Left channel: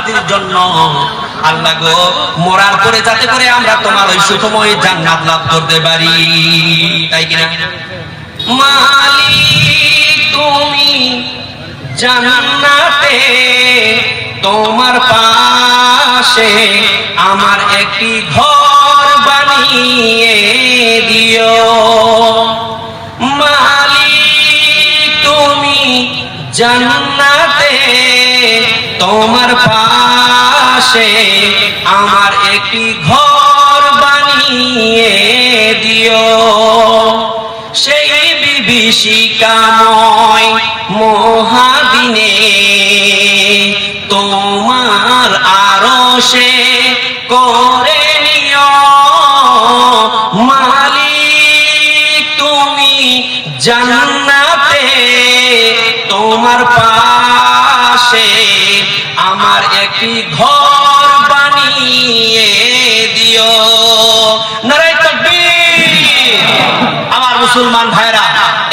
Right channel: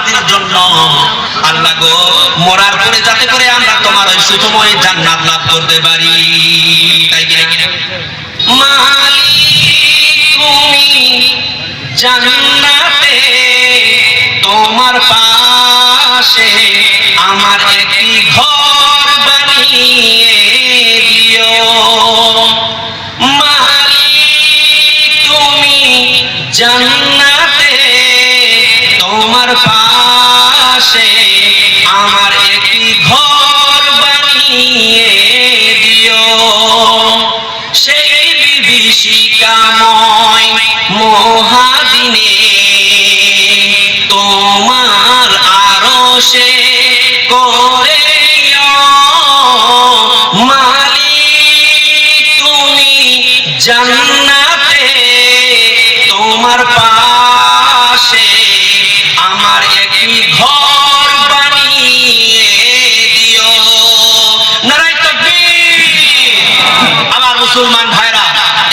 বান্দাদের জন্য আল্লাহ গো মরার পরে যাতে করে আমরা তোমার ওই সুখময় জান্নাত লাভ করতে পারি, তাই কিনা? মালিক তুমি জান্নাতে তোমার পাশে আমার একটি ঘর বানিয়ে দিও। মালিক তুমি জান্নাতে তোমার পাশে আমার একটি ঘর বানিয়ে দিও। সেই বিভীষিকাময় মহাদিনে তোমার আরশে করে নিও। মালিক তুমি জান্নাতে তোমার পাশে আমার একটি ঘর বানিয়ে দিও। নারায়ে তাকবীর। আমার মুসলমান ভাইরা,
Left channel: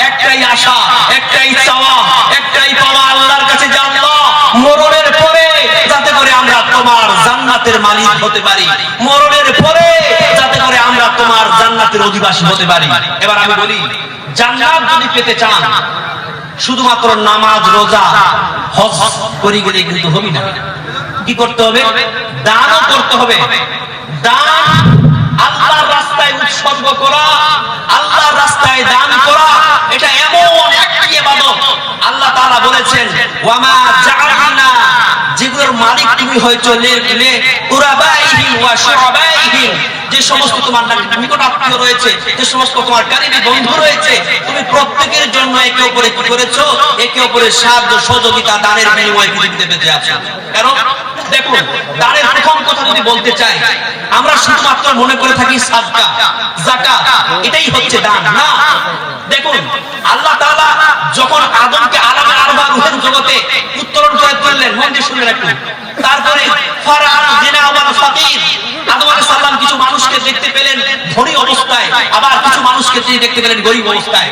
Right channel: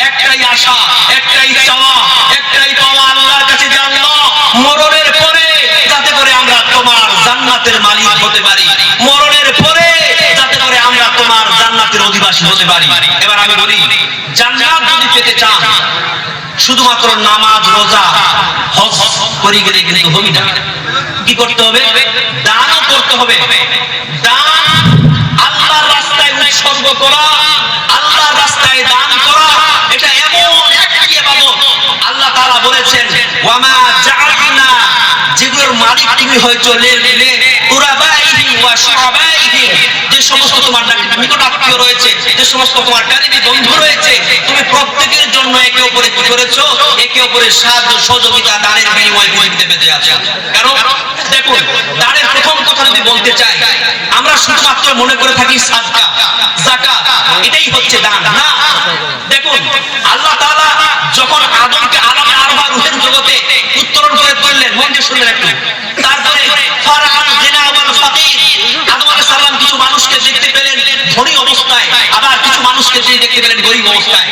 একটাই আশা, একটাই চাওয়া, একটাই পাওয়া আল্লাহর কাছে যে আল্লাহ মরণের পরে যাতে করে আমরা তোমার জান্নাতের মালিক হতে পারি, মরণের পরে যাতে করে আমরা তোমার জান্নাতের অধিবাসী হতে পারি। এবার আমি বলি, জান্নাত যদি পেতে চান শুধুমাত্র নামাজ রোজা হজ করে গেলে কিন্তু হবে না। কি করতে হবে? দানও করতে হবে। দান আল্লাহর রাস্তায় উৎসর্গ করা, আল্লাহর রাস্তায় দান করা, এটা এমন একটি ইবাদত আল্লাহ তাআলা বলেছেন ওয়ামা জাআলনা, যেগুলোর মালিক তুমি হয়তো কুরাবাইহি ওয়া শুরাবাইহি, যে সমস্ত তোমার নিকট আত্মীয় রয়েছে, যে সমস্ত তোমার কারিনী বন্ধু রয়েছে, তুমি প্রত্যেকের জন্য একে অপরে কি করেছো? একে অপরের সাহায্য সহযোগিতা দানের বিনিময়ে পৃথিবীতে পেতে আছো। কারণ দেখুন, দানের প্রথম কথা যদি বলতে চাই, আমরা শুধুমাত্র মনে করে থাকি সাদকা যাকাত, এটাই হচ্ছে দান। না, দেখুন আল্লাহ তাআলা যখন আদমকে আলামে আরবা রূহের জগতে উত্তরণ করে তুললেন, মন দিয়ে শুনলেন একটু, তারপরে ফারাআন জিনা ওয়াল ফাকির, আদম আলাইহিস সালাম কিছু মানুষকে দেখতে পেলেন ধনী অবস্থায়, আবার কিছু মানুষকে তিনি দেখতে পেলেন গরীব অবস্থায়।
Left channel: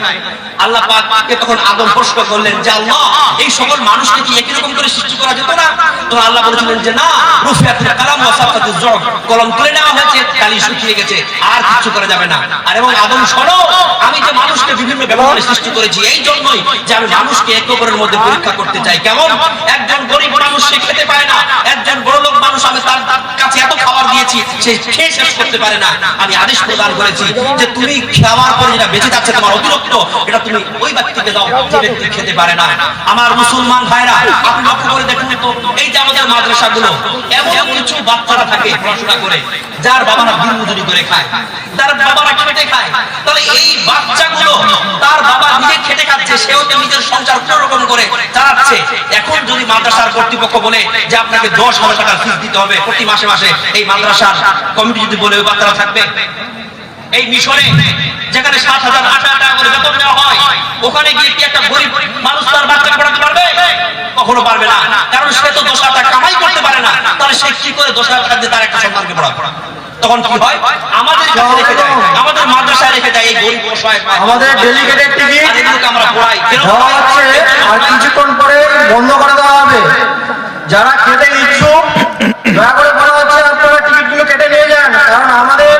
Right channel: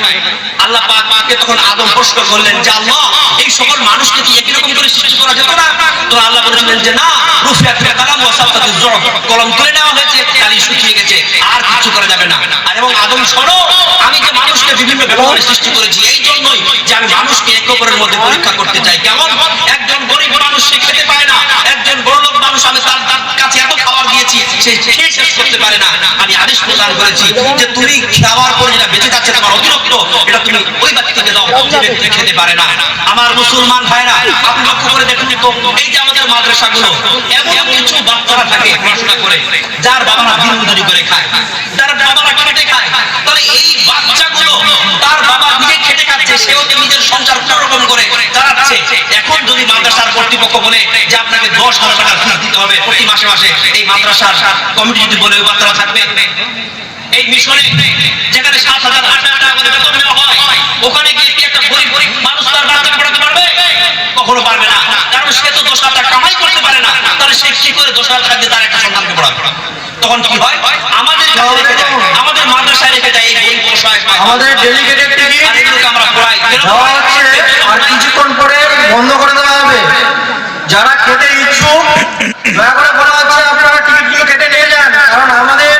আল্লাহ পাককে তখন আদম প্রশ্ন করলেন যে আল্লাহ, এই সকল মানুষকে কি একই রকম করে সৃষ্টি করা যেত না? তো আল্লাহ বলেছিলেন যে না, রুফিয়াতুল কালাম ওয়া সাফাতুজ জুর, কলম তুলে নেওয়া হয়েছে, কালি শুকিয়ে গেছে, আর কিছু করা যাবে না। আর এবং আদম শোনো, আমি যে মানুষকে বিভিন্ন ব্যবহারে সৃষ্টি করেছি এই জন্যই যে আমি মানুষকে একে অপরের মধ্যে পরীক্ষা করতে চাই। কেমন? একজন গরীব মানুষ সে খেতে পায় না, একজন বড়লোক মানুষ আমি তার কাছে এত খাবার দিয়েছি সে খেয়ে শেষ করতে পারে না। আমি আদেশ প্রদান করেছি যে তুমি খাওয়ার পরে যেটা বেঁচে যাচ্ছে তোমার অতিরিক্ত, এটা তুমি ওই ব্যক্তিকে দাও যে ব্যক্তি খেতে পারে না। আমার মুসলমান ভাইরা, আপনি লক্ষ্য করে দেখুন তো, এই যে আমাদের মাদ্রাসাগুলো, এমন কিছু বাচ্চারা থাকে পড়াশোনা করে যার বাবারা দিন মজুরি করে খায়, যার বাবারা খেটে খায়। তাহলে এই বাচ্চাগুলো তার বাবা নিজে খেটে খাচ্ছে, সেও তো নিজের সংসার কোন রকম করে চালাচ্ছে। এখন যদি মাদ্রাসার কর্তৃপক্ষ বলে যে আপনাকে 10,000 টাকার ফিস দিতে হবে প্রতি মাসে মাসে, এই মাদ্রাসার কমিটি যদি বলে ওই বাচ্চারা থাকবে? এই মিশনে যেখানে 7,000 8,000 টাকা করে বেতন দেওয়া হয়, ওখানে গিয়ে কি একটা গরিব মানুষ তার বাচ্চাকে পড়াতে পারবে? কখনো পারবে না, কারণ সে তো 10,000 টাকা কামাই করতে পারে না। তাহলে সে কি করে 10,000 টাকা দিয়ে তার একটা সন্তানকে পড়াবে? তখন কি হয়? আমাদের কাছে রেখে যায়, আমাদের মাদ্রাসায় রেখে যায় এই গরিব অসহায়, আমাদের ডেলিগেটেড টিকিট এগুলোকে আমরা পড়াই। দেওয়া হচ্ছে, আর কিছুক্ষণ পরে বন্ধ করে দেওয়া হবে। যারা খেতে ইচ্ছুক দয়া করে বলা হচ্ছে আপনারা টিকিটগুলো কেটে নিয়ে যান, কারণ আমাদের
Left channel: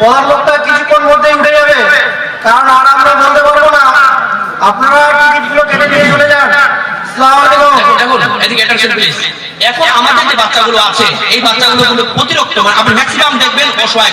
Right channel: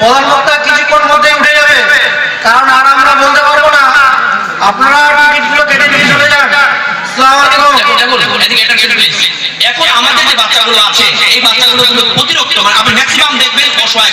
প্রধান বক্তা কিছুক্ষণ মধ্যেই উঠে যাবে, কারণ আর আমরা বলতে পারবো না। আপনারা টিকিটগুলো কেটে নিয়ে চলে যান। আসসালামু আলাইকুম। দেখুন এদিকে অ্যাটেনশন প্লিজ। এখন আমাদের যে বাচ্চাগুলো আছে, এই বাচ্চাগুলো কিন্তু প্রতিরক্ত, মানে আপনি ম্যাক্সিমাম দেখবেন অসহায়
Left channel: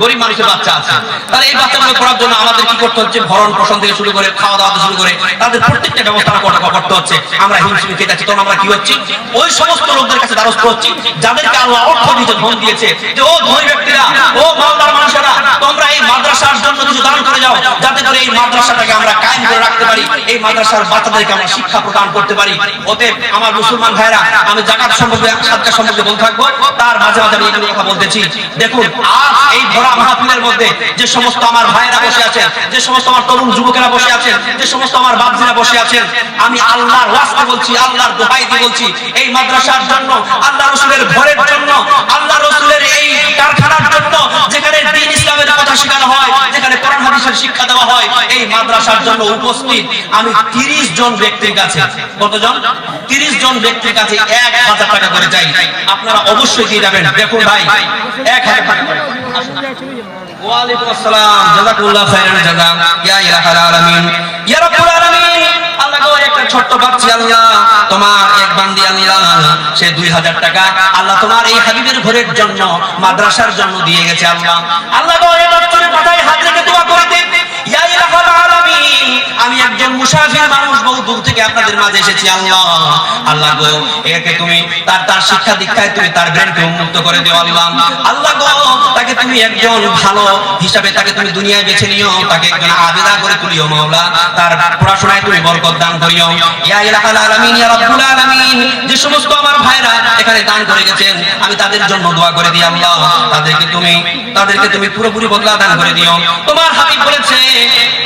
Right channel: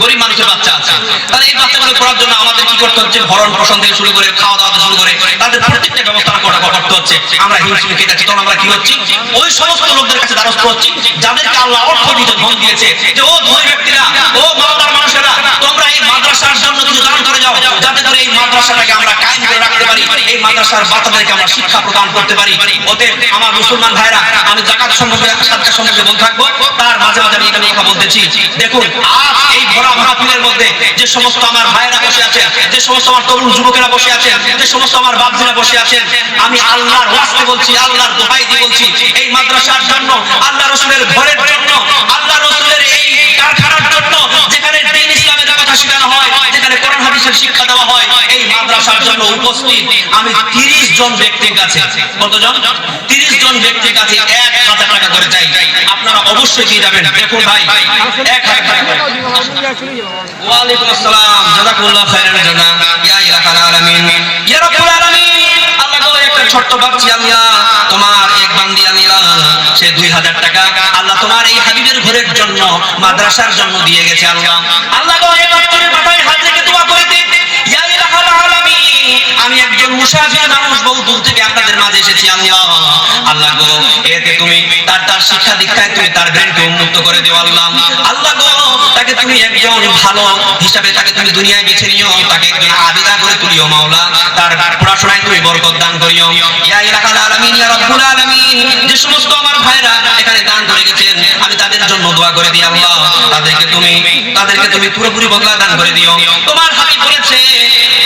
গরিব মানুষের বাচ্চা আছে। তাহলে এই বাচ্চাগুলো পড়ার জন্য আমাদের কি করতে হচ্ছে? ভরণ পোষণ থেকে শুরু করে খাওয়া দাওয়া থেকে শুরু করে তাদের প্রত্যেকটা ব্যবস্থা করতে হচ্ছে। আমরা হিমশিম খেতে আছি, তখন আমরা কি হচ্ছি? ওই সমস্ত লোকদের কাছে দ্বারস্থ হচ্ছি যাদেরকে আল্লাহ অর্থ দিতে ধন দিয়েছে, যে ও ধনী ব্যক্তিরা, ও মালদার মানুষেরা, তোমরা এই মাদ্রাসার জন্য কিছু দান করে যাও, যাতে করে এই মাদ্রাসাটাকে আমরা কায়েম করে রাখতে পারি, এই মাদ্রাসার বাচ্চাদেরকে আমরা শিক্ষা প্রদান করতে পারি। অতএব আমার মুসলমান ভাইরা, আমি যাকাত সম্পর্কে সাদকা সম্পর্কে বলতে থাকবো, তার মাঝে মাঝে আমি এই কথা বলতেছি। দেখুন আজ এই ভরা মাহফিলের মধ্যে যে সমস্ত আমার ভাইরা বসে আছেন, যে সমস্ত আমার তরুণ যুবকেরা বসে আছেন, যে সমস্ত আমার বাপজিরা বসে আছেন, আমি আল্লাহর ওয়াস্তে বলছি, আল্লাহর দোহাই দিয়ে বলছি, এই মাদ্রাসার জন্য, আল্লাহ রাসূলের ঘরের জন্য, আল্লাহ রাসূলের এই কারখানার জন্য, যেখানে দ্বীন ইসলামের কথা শেখানো হয়, যেখানে কোরআন হাদিস মানুষের শিক্ষা দেওয়া হয় এই মাদ্রাসার জন্য উপস্থিত আমি 30 জন ব্যক্তির কাছে, কতজন? 30 জন ব্যক্তির কাছে 1000 টাকা করে চাই। আপনারা অবশ্যই দিয়ে যাবেন। দেখুন ভাই 1000 টাকা করে। ওয়ালাইকুম আসসালাম, জাযাকুল্লাহ খাইরান জাযা, ইয়া ইলাহাল আলামিন, ইয়া রাব্বুল আলামিন। আল্লাহ গো, একটা ছোট্ট বাচ্চা আল্লাহ তোমার এক বান্দি আল্লাহ, সে 2000 টাকা আল্লাহ তোমার এই হাবিবের ঘরের জন্য মাদ্রাসার জন্য দিয়ে গেছে আল্লাহ। আল্লাহ গো, এই বাচ্চার মাথায় হাত রেখে দোয়া করে দিন, ইয়া ইলাহাল আলামিন, আমি একজন মুসাফির মানুষ, বহু দূর থেকে আপনাদের মাঝে এসেছি আল্লাহ। আল্লাহ গো, একে তুমি তার শিক্ষা দীক্ষায় তুমি তার ব্রেনকে উন্মুক্ত করে দিও আল্লাহ। আল্লাহ গো, তাকে তুমি একজন ভালো হিসাবে তাকে তুমি দুনিয়ায় বেছে নিও, তাকে একজন আবেদা করে তুলিও মাওলা, তার পড়াশোনায় তুমি বরকত দান করিও, ইয়া ইলাহাল আলামিন, ইয়া রাব্বুল আলামিন। যে সমস্ত আমার ভাইরা এখানে দান করে গেছেন আমি তাদের জন্য দোয়া করে দিই আল্লাহ, তাদেরকে তুমি পুরোপুরি বদলা দান করে দিও। তোমার হাবিব বলেছে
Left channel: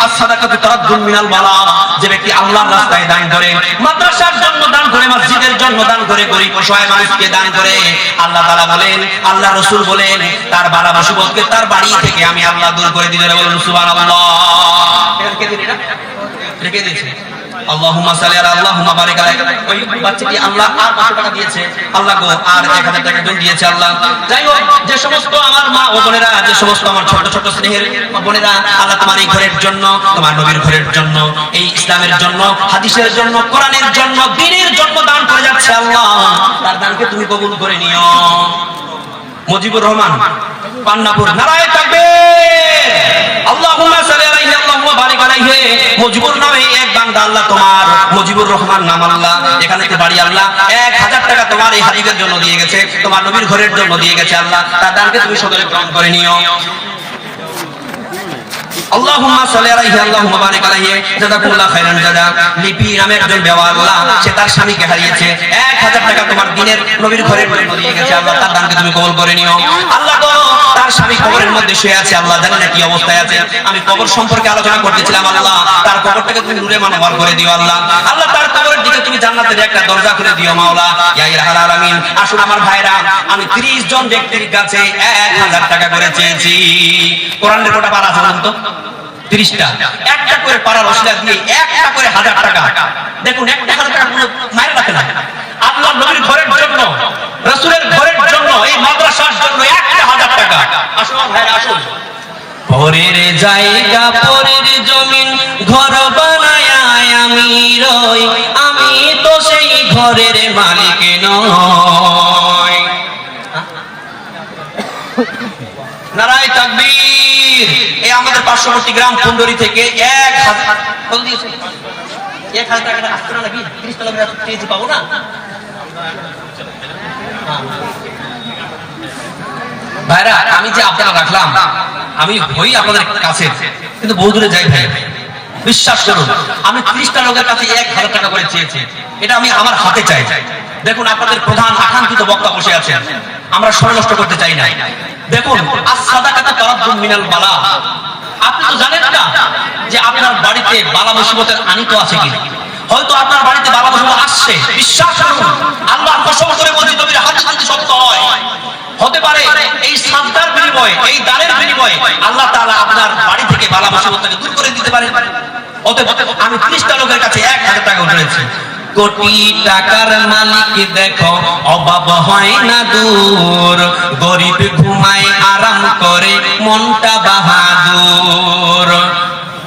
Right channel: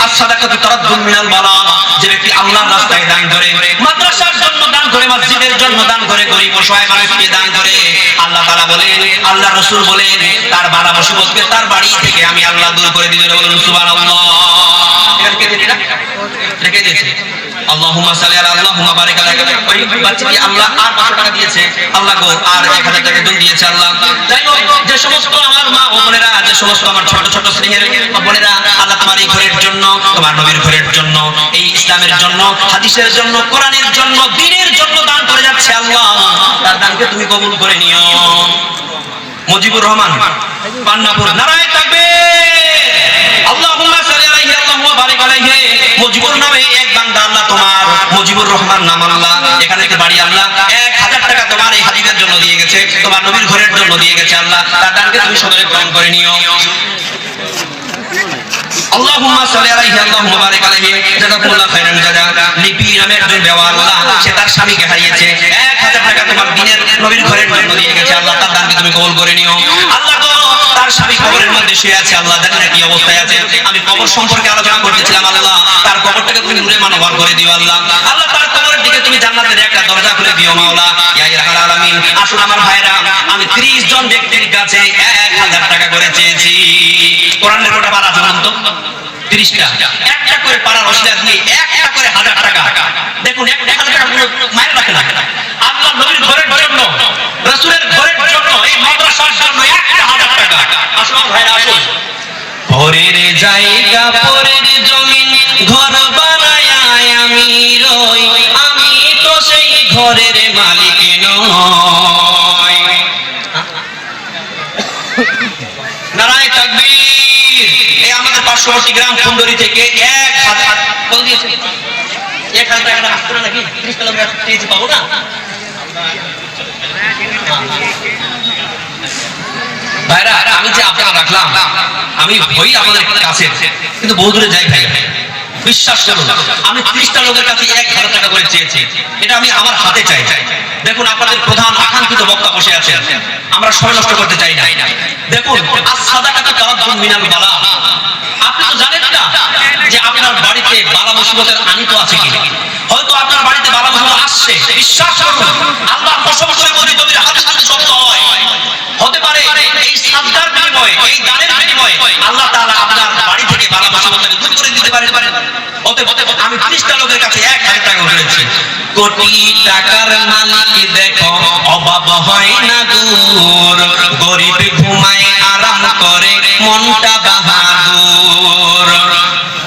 as-সাদাকাতু তারাদ্দুন মিনাল বালা, যে ব্যক্তি আল্লাহর রাস্তায় দান করে, মাদ্রাসার জন্য দান করে, মসজিদের জন্য দান করে, গরীব অসহায় মানুষকে দান করে, আল্লাহ তাআলা বলেন, আল্লাহ রাসূল বলেন, তার বালা মুসিবতকে তার বাড়ি থেকে আমি আল্লাহ দূর করে দিই। বলুন সুবহানাল্লাহ। রেখে দিয়েছে। আল্লাহুম্মা সাল্লি আলা আল্লাহুম্মা বারিক আলাইহি। ওই বাচ্চাটি আল্লাহ আর 500 টাকা দিয়েছে আল্লাহ গো, আর 1000 টাকা দুন দিয়েছে আল্লাহ। যাই হোক, যে সমস্ত আমার মা ও বোনেরা, যে সমস্ত আমার ছোট ছোট স্নেহের বোনেরা, আল্লাহ তোমার এই ঘরের জন্য, তোমার নবীর ঘরের জন্য, এই ইসলামের জন্য, হাদিসের জন্য, কোরআনের জন্য, দ্বীনের জন্য দান করে যাচ্ছে আল্লাহ, তার দানকে তুমি কবুল করে নিও। মুজিবুর রহমান, পান্নাপুর, নারায়ে তাকবীর, আল্লাহুম্মা সাল্লি আলাইহি আল্লাহুম্মা বারিক আলাইহি। মুজিবুর নামে এক বান্দা আল্লাহ তোমার, মুজিবুর রহমান নাম আল্লাহ, এখানেতে বাড়ি আল্লাহ, 1000 টাকা তোমার এই হাবিবের জন্য দিয়ে গেছে, তোমার নবীর ঘরের জন্য দিয়ে গেছে আল্লাহ, তার দানকে তুমি সকলে গ্রহণ করে নিও। আল্লাহুম্মা সাল্লি আলাইহি আল্লাহুম্মা বারিক আলাইহি, জাযাকুল্লাহ খাইরান জাযা। লিপি নামের একজন বেওয়া আল্লাহ, সে তার স্বামীকে হারিয়েছে, 1000 টাকা তোমার দ্বীনের নবীর ঘরের জন্য দিয়ে গেছে আল্লাহ, তার দানকে তুমি কবুল করে নিও। আল্লাহ গো, তার স্বামী কবরের মধ্যে শুয়ে আছে আল্লাহ, জানি না কি অবস্থায় আছে, আমি কবর সম্পর্কে আলোচনা করতেছিলাম আল্লাহ, তার কবরটাকে তুমি নূরে মানওয়ার করে দিও আল্লাহ। আল্লাহ তার কবরের দিকে তুমি জান্নাতের একটা দরজা খুলে দিও মাওলা, ইয়া ইলাহাল আলামিন। আসুন আমার ভাইরা, আমি 30 জন ব্যক্তির কাছে 1000 টাকা করে চেয়েছি। কোরআনের কটা পারা আছে বলুন তো? 30টা। একটা করে পারার ওসিলা দিয়ে একটা করে 1000 টাকা। দেখুন, একটা 1000 টাকা কোনো মাইল রাখে না। আল্লাহ নবীর ঘরের জন্য, রাসূলের ঘরের জন্য, এই মাদ্রাসার জন্য একটা 1000 টাকা। আসুন আমার ভাইরা, আসুন। পরের জায়গা, পরের জমিন, ঘর বানায়া আমি রই, আমি তো সেই ঘরের মালিক নই। নারায়ে তাকবীর। এই আমাদের পার্শ্ববর্তী গ্রাম ফুলদরি থেকে 1000 কত দিয়েছে? 1000 টাকা আসতো না নাকি? 30 টাকা আমরা পেয়েছি, পাবো না? ভাইরা, আমি যে আপনারা রাখলাম, আমি হই আপনাদের কাছে, কিন্তু বহু দূরে যাই ভাই, বিশ্বাস করুন, আমি 30টা লোকের কাছে 1000 টাকা করে চেয়েছি, এটা আমি আমার হাতে চাই। দেখুন, আপনাদের প্রধান আকাঙ্ক্ষিত বক্তা বসে আছেন, আমরা সময় নষ্ট করতে চাই না। দেখুন, as-সাদাকাতু তারাদ্দুন মিনাল বালা। আপনি তো জানেন না যে আপনার বাড়িতে বালা মুসিবতের আনিত আছে কি। হয়তো আপনার বাড়িতে বালা মুসিবত আসছে, বিশ্বাস করুন, আল্লাহ কসম করে বলি, নবীর হাদিস যদি সত্য হয়, হতে পারে এই সাদকার বিনিময়ে, এই দানের বিনিময়ে আল্লাহ তাআলা আপনার বাড়ি থেকে বালা মুসিবতকে দূর করে দিতে পারেন। অতএব আমি 30টা লোকের কাছে 1000 টাকা করেছি। কোটি টাকার মালিক দেখো, অভাব হয় না দূর, গরিব ঘুমায় আরাম করে, মনটা বাহাদুর।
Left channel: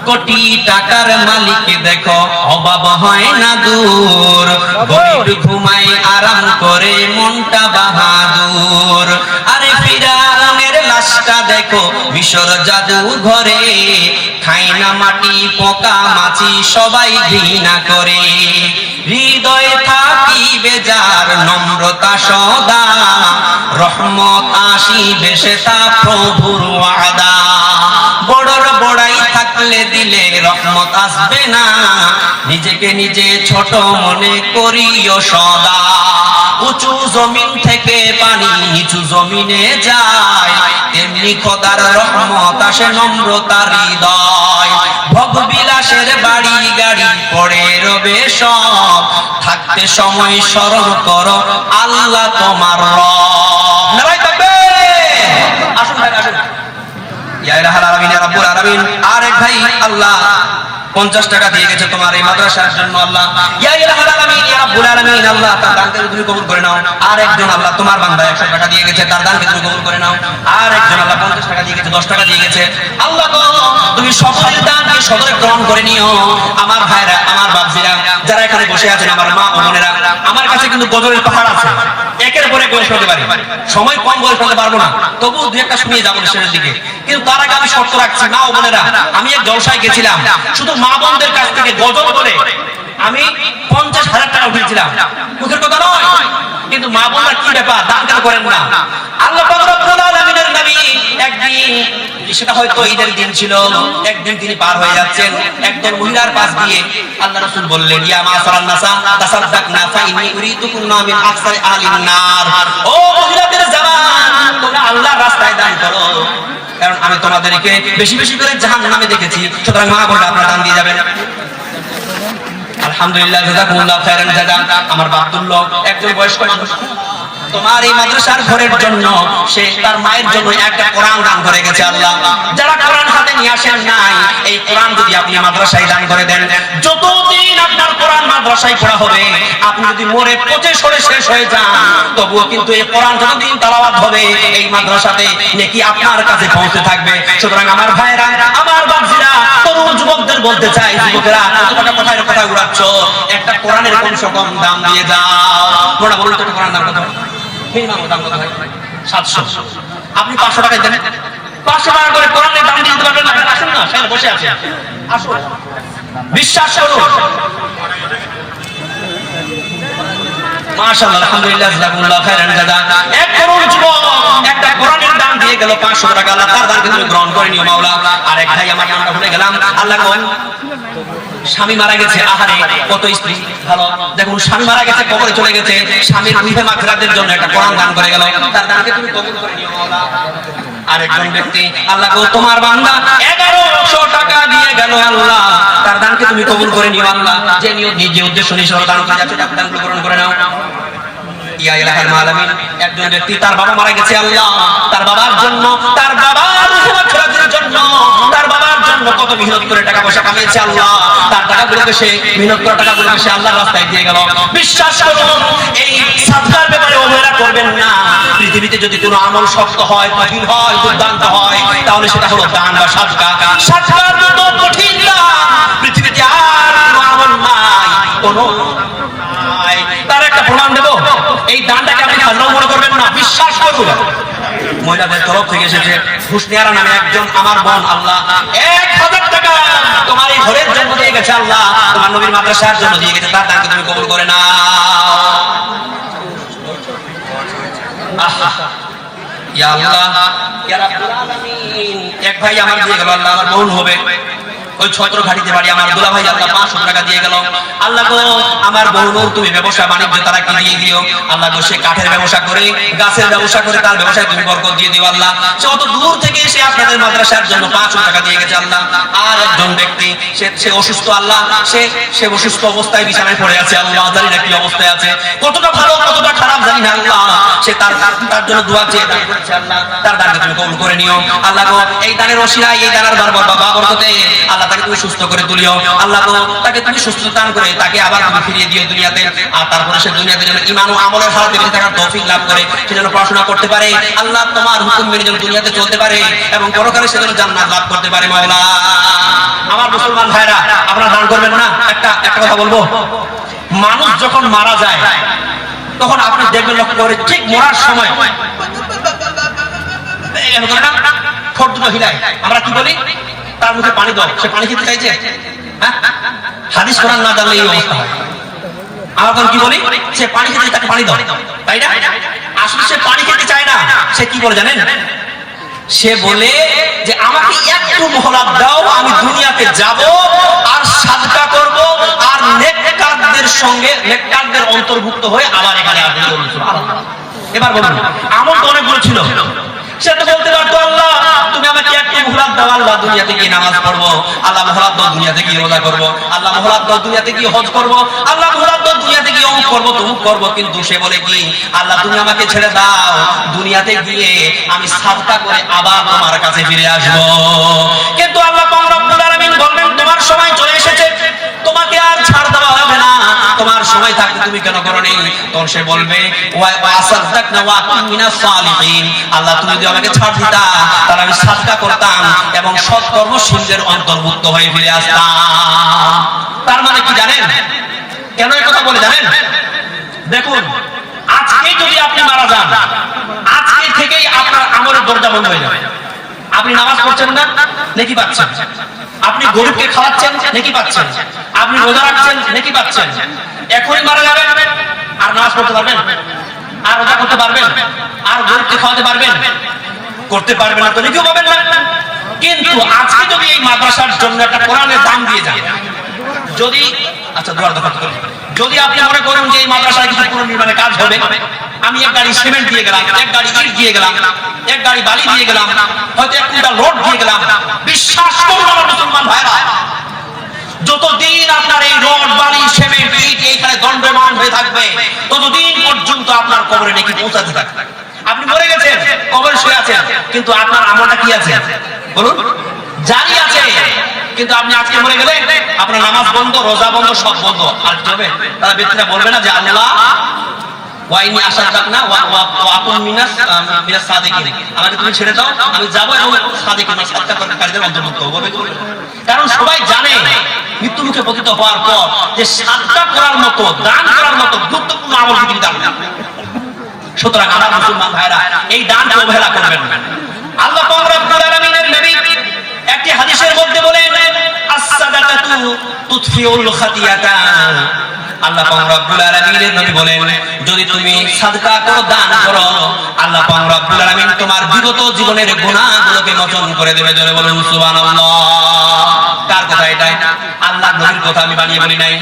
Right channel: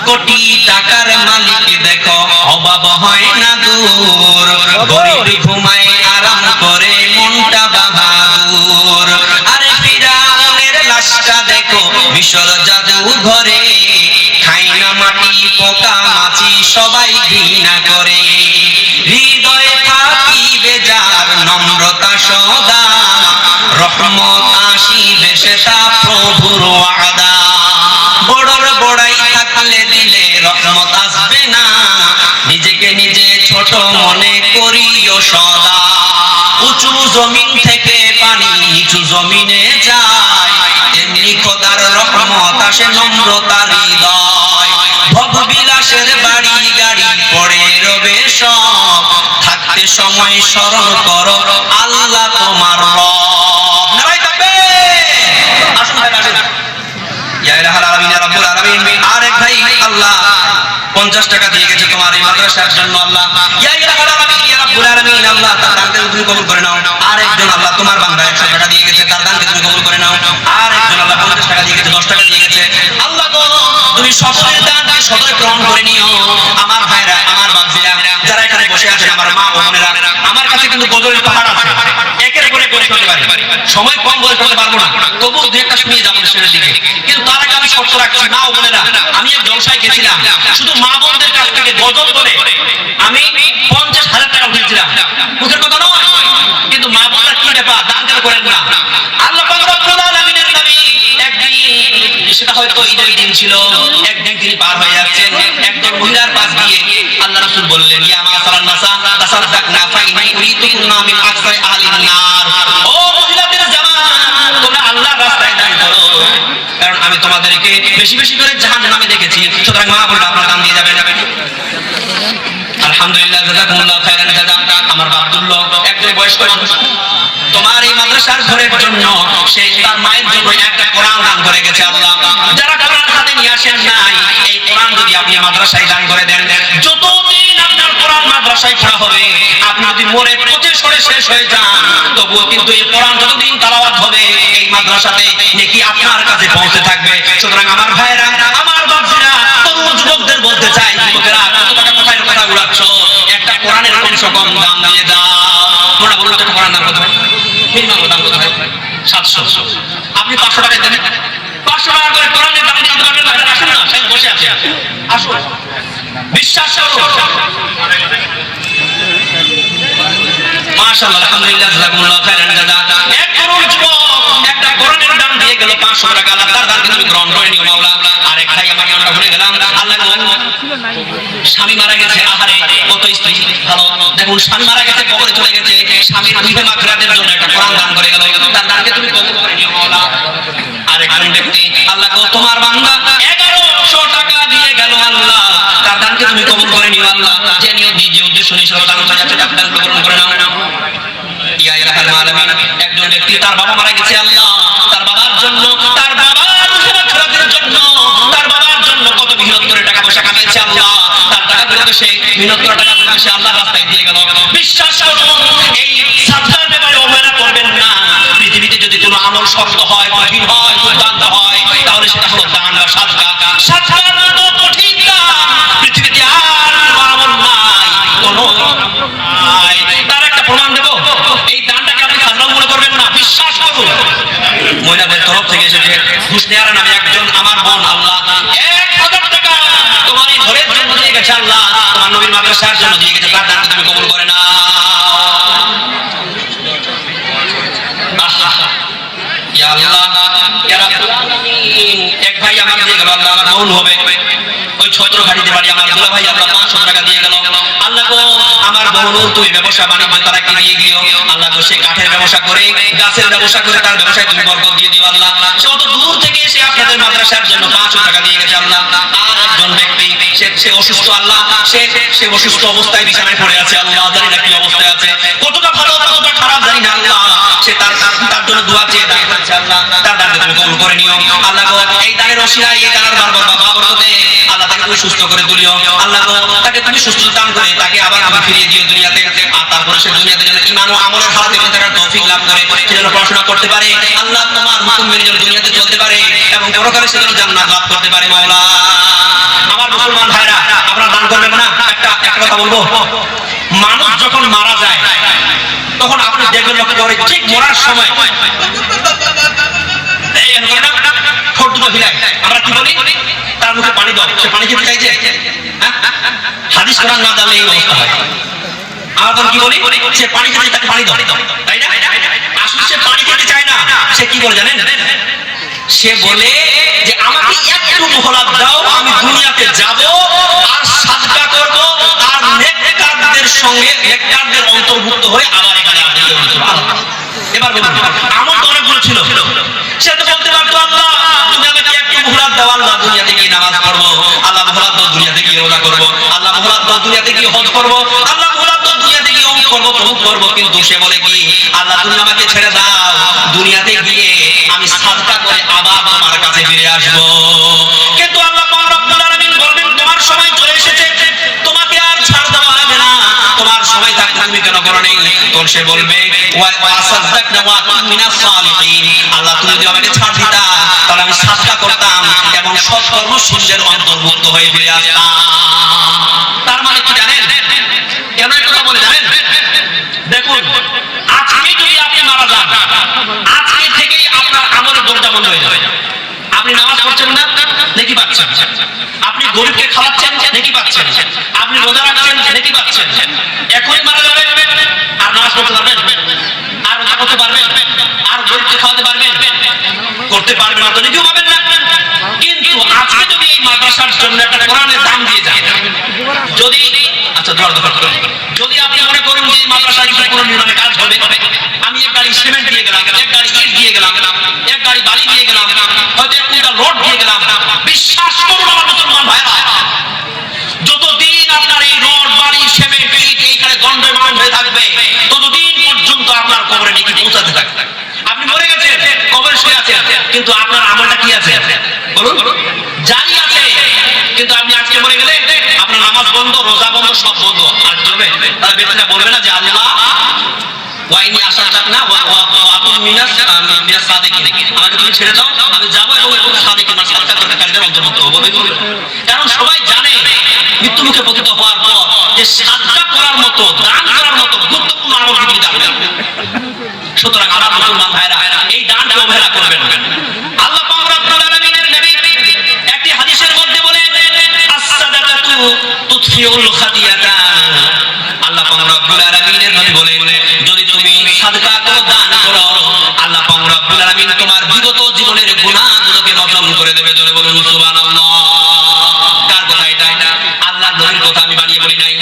কোটি টাকার মালিক দেখো, অভাব হয় না দূর, গরিব ঘুমায় আরাম করে, মনটা বাহাদুর। আরে ফিরাউনের লাশটা দেখো, মিশর জাদু ঘরে, খাই না মাটি, পোকা মাছি সবাই ঘৃণা করে। হৃদয়ে থাকিবে যার নম্রতা সদা, রহমত আসিবে সেটা প্রভুর ওয়াদা। বড়র বড়াই থাকলে দিলে রহমত আসবে না, নিজেকে নিজে ছোট মনে করিও সদা। উঁচু জমিন থেকে পানি নিচু জমিনে যায়, এমনি খোদার রহমত আসে নম্রতার হৃদয়। ভোগবিলাসের বাড়ি গাড়ি পড়ে রবে সব, থাকতে সময় স্মরণ করো আল্লাহ তোমার রব। নারায়ে তাকবীর। আসুন ভাই, আসুন। ইয়া ইলাহাল আলামিন, ইয়া রাব্বুল আলামিন। আরেক ভাই 50 টাকা দিয়ে গেছে তোমার এই মাদ্রাসার জন্য আল্লাহ। ইয়া ইলাহুল আলামিন, ইয়া রাব্বুল আলামিন, আল্লাহ তার দানকে তুমি কবুল করে নাও। আর একজন আল্লাহ তোমার বান্দা 100 টাকা দিয়ে গেছে, তার দানকে তুমি কবুল করে নাও। আর একজন আল্লাহ 50 টাকা দিয়ে গেছে, 10 টাকা দিয়ে গেছে। আল্লাহ গো, তুমি সকলের দানকে সদরে গ্রহণ করে নিও। আমার ভাইরা, আমার বাপজিরা যারা এখানে বসে আছেন, আমার মা ও বোনেরা, আমার কাছে কিন্তু গজলের পাহাড় আছে, একের পরে গোল করতে পারি, সময় কম গোল করতে পারবো না, তবু দুই একটা শুনিয়ে যাবো শেষের দিকে। কিন্তু তার আগে আমি শর্ত রাখছি, মা ও বোনেরা, আমি এক জলসায় গেছিলাম, শুধু মা বোনদের কাছ থেকে গজল করে আমি 50,000 টাকা উঠিয়েছিলাম, মুখের কথা নয়। কিন্তু মা বোনরা কি ব্যাপার, দান কেন করেন না? আল্লাহ পাক রব্বুল আলামিনের নবী একদিন, সেটা হয়তো ঈদের দিন ছিল, একদিন তিনি পার হয়ে যাচ্ছেন, একদল মহিলার পাশ দিয়ে আল্লাহ রাসূল বললেন, ইয়া মাসারান নাসা তাসাদদাকনা ফাইনি উরিতুকুন্না মিন আকসারি আহলিন নার। ও মহিলাদের জামান, তোমরা আল্লাহর রাস্তায় দান করো, কারণ আমি তোমাদেরকে বেশি বেশি করে জাহান্নামে দেখেছি। সুতরাং মা বোনরা আপনারা দান দিয়ে যাবেন। আলহামদুলিল্লাহ, জাযাকুমুল্লাহু খাইরান জাযা। আমার বাপ্তুল্লাহ একজন বয়স্ক মানুষ তোমার এই মাদ্রাসার ঘরের জন্য সে তার মায়ের জন্য একটা কোরআন দান করে গেছে। আল্লাহ, যারা কোরআন হাতে নিয়ে আসেন নাই, এই কোরআন যদি আপনি মাদ্রাসায় দান করে দেন, যতদিন আপনার কোরআন মাদ্রাসায় পড়া হবে, আপনি যদি মরে পচে সরে শেষ হয়ে যান, তবুও কিন্তু এই কোরআন যতদিন তেলাওয়াত হবে, এই মাদ্রাসাতে নেকি আপনার কাছে পৌঁছে থাকবে। সুতরাং আমার ভাইরা, আমার বাপজিরা, তরুণ যুবকদের বলতে চাই, যুবকেরা কত টাকা কোথায় কথা উড়াচ্ছ, একটা কোরআনের কমসে কম দাম দিয়ে দাও। মোটা বলুন তো, একটা কোরআন দাম কত হয়? দাম কত হয়? 700। আপনি 500 টাকা দেন, 500 টাকা করে কোরআনের দাম দিতে পারবেন না? আসেন না, সেখানে বসে আছেন, আসুন, বিশ্বাস করুন। মাশাআল্লাহ, আলহামদুলিল্লাহ, জাযাকুমুল্লাহু খাইরান জাযা। এক তরুণ যুবক একটা কোরআনের দাম দিয়ে গেল 500 টাকা। আল্লাহ তার দানকে তুমি গ্রহণ করে নিও মাওলা। আর এক ভাই, আমার নামটা ভুলে গেলাম, আল্লাহ কোন স্বামী মারা গেছে, আহারে কত স্ত্রী ভালো, দেখুন স্বামী মারা গেছে, কবরে চলে গেছে, স্বামীর রুহে মাগফিরাতের জন্য একটা কোরআন দান করে গেল, তার দানকে তুমি কবুল করে নিও মাওলা। আরেকজন ব্যক্তি, আল্লাহ গো, তোমার বান্দা 1100 টাকা দিয়ে গেল, আল্লাহ তার দানকে তুমি কবুল করে নিও। আল্লাহ, যে নিজে উদ্দেশ্য নিয়ে দান করে যাচ্ছে, তার দানকে গ্রহণ করে নাও। ইয়া ইলাহুল আলামিন, একজন ব্যক্তি তার বাবা মারা গেছে, আল্লাহ তার বাবার জন্য, তার বাবার রুহে মাগফিরাতের জন্য, তার বাবার জন্য কত মেহনত করে টাকা পয়সা কামিয়েছে, আল্লাহ তার টাকাগুলোকে সে মেহনত করা টাকাগুলোকে সে আল্লাহর রাস্তায় দিয়ে গেল। বিশ্বাস করুন, এই সাদকার ব্যাপারে অবহেলা করবেন না। পৃথিবীতে যদি কোনো আমল শক্ত হয়, কঠিন হয়, দুর্দান্ত হয়, তাহলে সেটা হলো দান বা সাদকা। সাদকার মতো কঠিন না পৃথিবীতে আর কোনো আমল নাই, কোনো নাই। তার একটা প্রমাণ দেব, এই দানটাকে আপনি খাজনাও মনে করবেন না, বিশ্বাস করুন। মহিলাদের তরফ থেকে এসেছে, হুসনিয়ারা নামে একজন আমার বোন, আল্লাহ 1000 টাকা তোমার এই ঘরের জন্য দিয়ে গেছে, আল্লাহ তোমার নবীর মাদ্রাসার জন্য দিয়ে গেছে, তার দানকে তুমি কবুল করে নাও। ইয়া আল্লাহ, ইয়া রাব্বুল আলামিন, এক ভাই আমার দিয়ে গেল, আল্লাহ আমার বোন হবে, ওই ছত্রঘাটিতে বাড়ি, আমার দুলা ভাই, আল্লাহ 500 টাকা দিয়ে গেল। আল্লাহ গো, আমার বোন তুমি ব্যবসা বাণিজ্য তারা কি দিয়ে দিও, আল্লাহ গো, সে কাঠের ব্যবসা করে, গাছের ব্যবসা করে, তার ব্যবসায় তুমি বরকত দিয়ে দিও। আল্লাহ, সে অত দূর থেকে এসে আপনাদের মাদ্রাসার জন্য 500 টাকা দিয়ে গেছে, আল্লাহ। আর একজন ব্যক্তি, সে অসুস্থ, আল্লাহ সে অসুস্থ অবস্থায় বিছানায় পড়ে আছে, আল্লাহ জানি না কি অবস্থায় আছে, কতটা ভালো কতটা খারাপ জানি না, আল্লাহ সে তার জন্য দোয়া চেয়ে দান করেছে, আল্লাহ তার দানকে তুমি কবুল করে নিও। আল্লাহ গো, এই দানের ওসিলায়, এই দানের বরকতে আল্লাহ তাকে তুমি সুস্থ করে তুলিও। আল্লাহ গো, তাকে তুমি সুস্থ দান করে তাকে আবার তুমি ফিরিয়ে দিও দুনিয়াতে। আর তারপরে সে দুনিয়াতে যেন ঈমান ও আমলের হাতে বেঁচে থাকার তৌফিক লাভ করে, সে যেন পড়াশোনা করতে পারে, আল্লাহ তোমার হুকুম মেনে যেন দুনিয়াতে চলতে পারে, এবং পরকালে সে যেন জান্নাত লাভ করতে পারে মাওলা। আমার মুসলমান ভাইরা, আপনারা দান করবেন না? একটা কথা বলবো, মানুষ যখন মারা যায়, তখন আপনি দেখবেন, লক্ষ্য করে, ঠিক মরার সময় ঠোঁট দুটো হিলায়, আমরা কি বলি, তার মুখে পানি দাও, সে পানি খেতে চাইছে? হাদিস কোরআন না জানলে এই অবস্থা হয়। আমরা তখন কি বলি, সে পানি খেতে, তাকে পানি দাও, তাই না? আসলে সে পানি খেতে চায় না, সে কি বলে জানেন? সে বলে যে আমাকে একটু মোহলাত দাও, আমি দুনিয়াতে যাব, আর সাদকা করব, আর নেককারদের সঙ্গে, নেককারদের অন্তর্ভুক্ত হয়ে আবার এখানে আসবো। এবার বলুন, আমল তো অনেকগুলো ছিল, সে তো বলতে পারতো, আল্লাহ তুমি আমাকে একটু মোহলাত দাও, আল্লাহ দুনিয়াতে গিয়ে নামাজ পড়বো, আল্লাহ মোহলাত দাও দুনিয়াতে গিয়ে রোজা করবো, আল্লাহ মোহলাত দাও দুনিয়াতে গিয়ে হজ করবো, আল্লাহ মোহলাত দাও দুনিয়াতে গিয়ে অমুক করবো তমুক করবো। কিন্তু সে বলে কি, আল্লাহ তুমি আমাকে ছেড়ে দাও, দুনিয়াতে গিয়ে আমি সাদকা করে আবার তোমার কাছে ফিরে আসবো। কিন্তু আল্লাহ পাক রব্বুল আলামিন বলবেন, তোমার সময় চলে এসেছে, তোমার সময় থাকতে তুমি কেন করো নি? তখন সে বলবে ওয়া আসাদদাকনা ওয়া কুম মিনাস সালিহিন, আল্লাহ তুমি যদি আমাকে ছাড় দিতা তাহলে আমি সাদকা করতাম এবং সৎকর্মশীলদের অন্তর্ভুক্ত হয়ে ফিরে আসতাম। তার মানে কি জানেন? কেন এই কথা বলে জানেন? দেখুন, আজকে যদি আপনি মারা যান, আজকে থেকেই আপনার আমলের দরজা বন্ধ হয়ে যাবে। আপনি নামাজ পড়ছেন না, নেকি পাচ্ছেন। আপনি গরিবকে খাওয়াচ্ছেন, নেকি পাচ্ছেন। আপনি রোজা রাখছেন, নেকি পাচ্ছেন। এখনই মারা যাবেন, আর নামাজ পড়তে পারবেন? আর রোজা করতে পারবেন? আর গরিবকে খাওয়াতে পারবেন? করতে পারবেন না, তো নেকিও পাবেন না। কিন্তু আজকে যদি এই মাদ্রাসার জন্য একটা কোরআনের দাম দিয়ে যান, যদি আচ্ছা দোয়া করুন, যদি আপনি মনে করুন যে এই মাদ্রাসায় কিছু পুনর্নির্মাণের কাজ হবে, আমি এক গাড়ি সিমেন্ট দিয়ে গেলাম, এক গাড়ি ইট দিয়ে গেলাম, এক গাড়ি বালি দিয়ে গেলাম, হয়তো এক কুইন্টাল রড দিয়ে গেলাম, বিশ্বাস করুন আমার মুসলমান ভাইরা, যতদিন আপনার এই রড বালি সিমেন্ট ইট এইখানে দণ্ডমান হয়ে থাকবে, ততদিন পর্যন্ত আপনার কবরে নাকি পৌঁছাতে থাকবে। আপনি মরে গেছেন, কবরে শুয়ে আছেন, কিন্তু আপনার আমলটা কি আছে বলুন? জারি আছে। কিন্তু আপনি আজকে মরে গেলে আপনার নামাজ বন্ধ, রোজা বন্ধ, সব বন্ধ। আর কি হবে? তারা ব্যক্তিরা বলবে না যে আল্লাহ ওয়াইনি আসাদদাকনা ওয়া কুম মিনাস সাদিকিন, আমাকে তুমি ছেড়ে দাও, আমি যাবো এবং সাদিকিন সাদকাকারীদের অন্তর্ভুক্ত হবো। কারণ সবাই জানে মৃত্যু মুখে পতিত হওয়ার পর যে সাদকা করার মতো, দান করার মতো গুরুত্বপূর্ণ আমল পৃথিবীতে দান নেই। সুতরাং আমার মুসলমান ভাইরা, এই দানকে অবহেলা করবেন না। আল্লাহ পাক রব্বুল আলামিনের নবী একটি হাদিসের মধ্যে বলেন, আস-সাদাকাতু তুতফিউল খাতিয়াতা। আল্লাহ পাক রব্বুল আলামিনের নবী বলেন, যদি তুমি সাদকা করো, দান করো, আল্লাহ পাক রব্বুল আলামিন তোমার বিগত জীবনের গুনাহগুলোকে মোচন করে দেবে। জোরে বলুন সুবহানাল্লাহ। কার কথা এটা? আল্লাহ নবীর কথা, আমি বানিয়ে বলি নাই।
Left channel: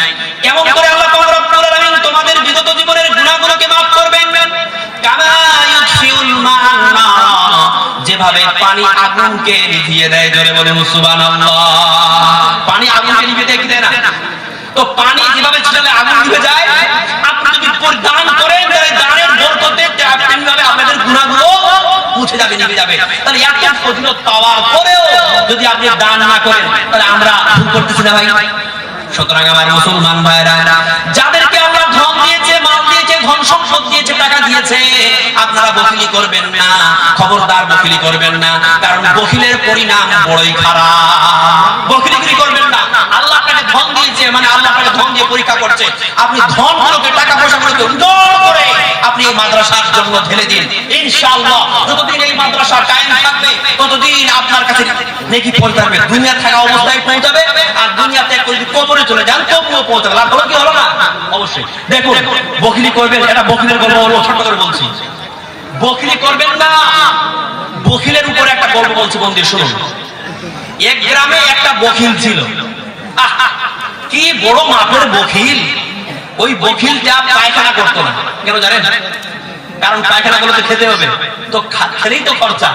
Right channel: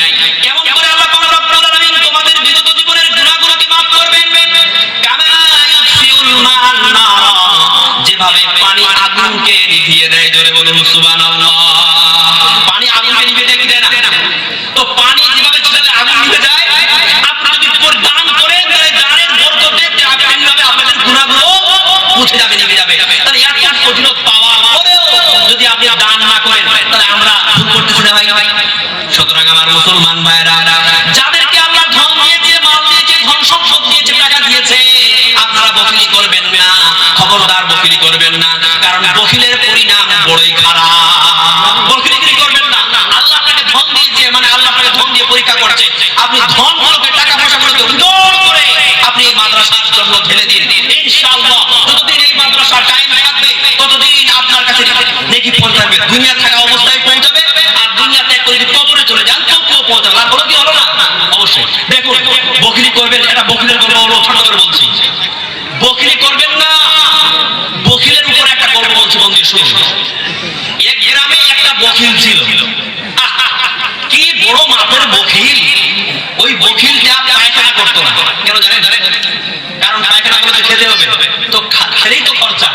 কেমন করে আল্লাহ পাক রব্বুল আলামিন তোমাদের বিগত জীবনের গুনাহগুলোকে মাফ করবেন? কামা ইউতফিউল মান নার, যেভাবে পানি আগুনকে নিভিয়ে দেয়। জোরে বলুন সুবহানাল্লাহ। পানি আগুনকে নিভিয়ে দেয় কি দেয় না? তো পানি যেভাবে ছিটালে আগুন নিভে যায়, আপনি যদি দান করেন তাহলে দানের বরকতে তেমনিভাবে আপনাদের গুনাহগুলো মুছে যাবে, নিভে যাবে। তাহলে এত ফজিলত পাওয়ার পরেও যদি আপনি দান না করেন, তাহলে আমরা ভুল করতেছি না ভাই? সুতরাং আমার মুসলমান ভাইরা, যাদেরকে আল্লাহ ধন দিয়েছে, মাল দিয়েছে, ধন সম্পদ দিয়েছে, টাকা দিয়েছে, আপনারা বখিলি করবেন না, খবরদার বখিলি করবেন না। কারণ বখিলের পরিণাম বড়ই খারাপ। বখিলি করবেন না। আল্লাহ আপনাকে ধন দিয়েছে, মানে আল্লাহ আপনাকে ধন দিয়ে পরীক্ষা করছে। আপনি ধনগুলোকে, টাকা পয়সাগুলোকে উন্নত করে আপনি এই মাদ্রাসার জন্য ঢেলে দিন। ইনশাআল্লাহ যতদিন এই মাদ্রাসা টাইম থাকবে, ততদিন আপনার কাছে নেকি পৌঁছাবে। দুনিয়া থাকা অবস্থায় পৌঁছাবে, আর দুনিয়াতে যদি কবরে চলে যান তবুও পৌঁছাবে। লাভ হলো কি হলো না? অবশ্যই। দেখুন, বখিলি করবেন, এটা বখিলের গল্প হলো, ছোট করে বলছি। বখিলি করবেন না। বখিলের উপরে একটা গল্প বলছি, বন্ধু শুনুন। এক গ্রামে একটা বখিল ছিল। কি বড় মাপের বখিল! ওই বখিলটা পায়খানা করতো না। কেন জানেন? কারণ পায়খানা করলে তো খেতে হবে, তো খেলেই তো খরচা।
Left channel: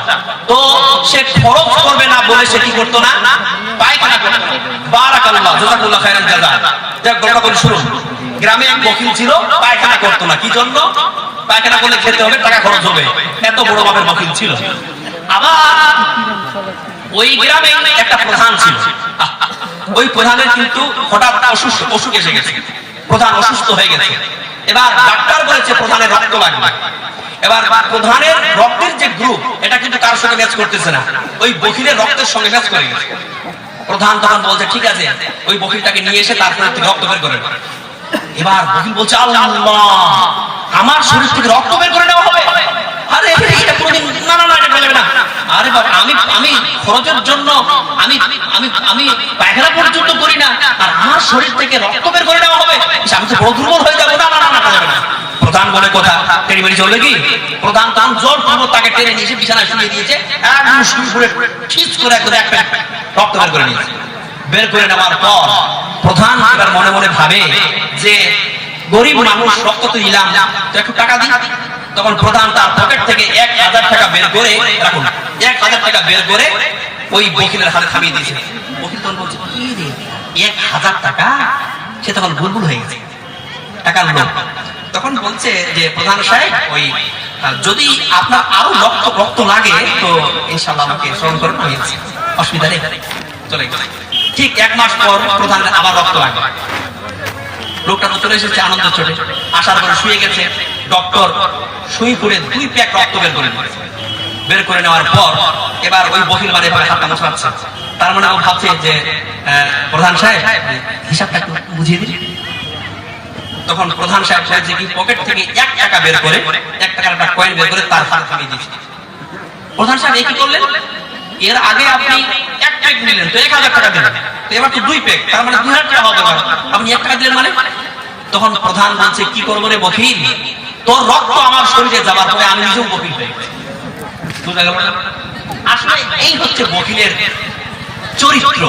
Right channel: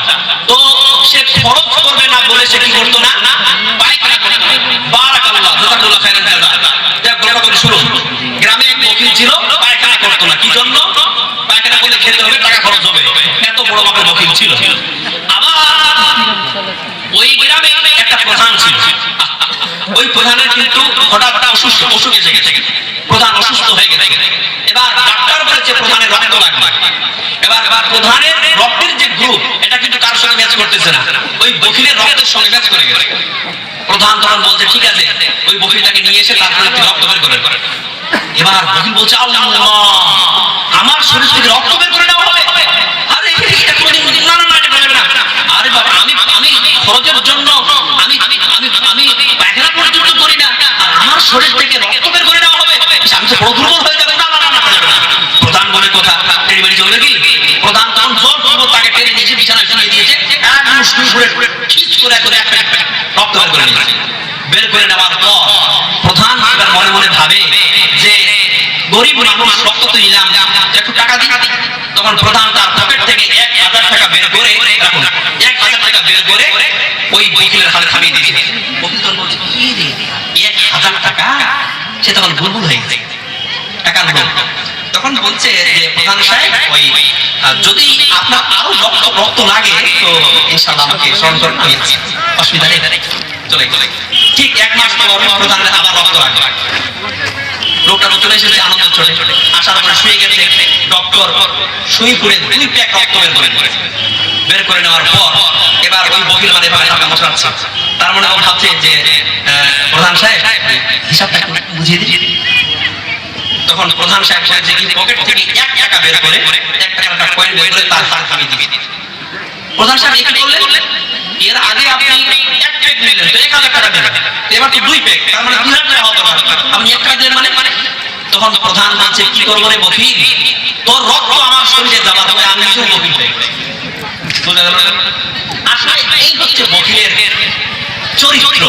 তো সে খরচ করবে না বলে সে কি করতো না? পায়খানা করতো। বারাকাল্লাহ, জাযাকাল্লাহু খায়রান জাযা। যাক, গল্পটা বলি শুনুন। গ্রামে এক বখিল ছিল, পায়খানা করতো না। কি জন্য? পায়খানা করলে খেতে হবে, টাকা খরচ হবে। এত বড় মাপের বখিল ছিল। আবার ওই গ্রামে একটা প্রধান ছিল। ওই প্রধানের কিন্তু হঠাৎ অসুখ এসে গেছে। প্রধান অসুস্থ হয়ে গেছে। এবার ডাক্তার বলেছে প্রধানের রক্ত লাগবে। এবার প্রধানের রক্তের যে গ্রুপ, এটা কিন্তু কার সঙ্গে ম্যাচ করতেছে না, ওই বখিলের রক্তের সঙ্গে ম্যাচ করে গেছে। প্রধান তখন বলছে, ঠিক আছে, ওই বখিলটাকে নিয়ে এসে তারপরে রক্ত বের করে। এবার বখিল বলছে, আল্লাহ, আমার শরীর থেকে রক্ত বের করে নেওয়া হবে? আরে না না না, এটা বলবে না। আরে বাবা, আমি খরচের জন্য আমি পায়খানা পর্যন্ত করি না, আর আমার শরীর থেকে রক্ত বের করে নেওয়া হবে? আমি তো বড় দুর্বল হয়ে যাবো। না না না, করা যাবে না। প্রধান বলে কথা, টেনে বেরিয়ে চলবে কি? প্রধান তখন জোরপূর্বক তাকে টেনে নিয়ে এসে বিছানায় শুয়ে দিয়েছে। একদম শুরু করে ঠিক করে একটা রক্ত বের করে নিয়েছে। বের করে নেওয়ার পর প্রধান এবার মনে মনে ভাবে যে গরিব মানুষ, রক্ত তো নিলাম, একটু টাকা দিই। তখন প্রধান তার পকেট থেকে 1000 টাকা বের করে, রাখুন, 1000 টাকা বের করে ওই বকিলের হাতে থামিয়ে দিয়েছে। বকিল তখন বলছে, কি রে, 1000 টাকা? সে তখন বুলবুল হয়ে গেছে, টাকার লোক। তখন বলছে যে, প্রধান সাহেব, ওই যদি আপনার আরো রক্ত লাগে তো ইনশাআল্লাহ আমাকে স্মরণ করুন, আমি আছি, অসুবিধা নেই, চলে গেল। ঠিক 1 মাস পর প্রধানের আবার রক্ত লাগবে। লোকটা তো চলে এসেছে আনন্দ চলে আসার পরে শুয়ে গেছে। ডক্টর সুই করে 2 প্যাক রক্ত বের করে নিয়েছে। বের করে নেওয়ার পর এবার ওই বকিল মানে এভাবে হাতটা মোছাচ্ছে। তার মানে ও ভাবছে যে প্রধান সাহেব হিসাবটা একটু বুঝিয়ে দিন। তখন প্রধান সাহেব যে কি পকেট থেকে 1 টাকা বের করে 1 টাকার একটা কয়েন বের করে তার হাতে দিয়ে দিয়েছে। প্রধান সাহেব কি করলেন, এর আগে আপনি 1 প্যাক নিলেন তো 1000 টাকা দিলেন, এবার তো 2 প্যাক, তার মানে 2000 টাকা হবে না, আপনি 1 টাকা দিলেন মানে। তখন প্রধান বলছে কি করবো রে বকিল, তোর রক্ত আমার শরীরে যাবার পরে আমি নিজেও বকিল হয়ে গেছি। বুঝা গেল? আসলে এই হচ্ছে বকিলের চরিত্র।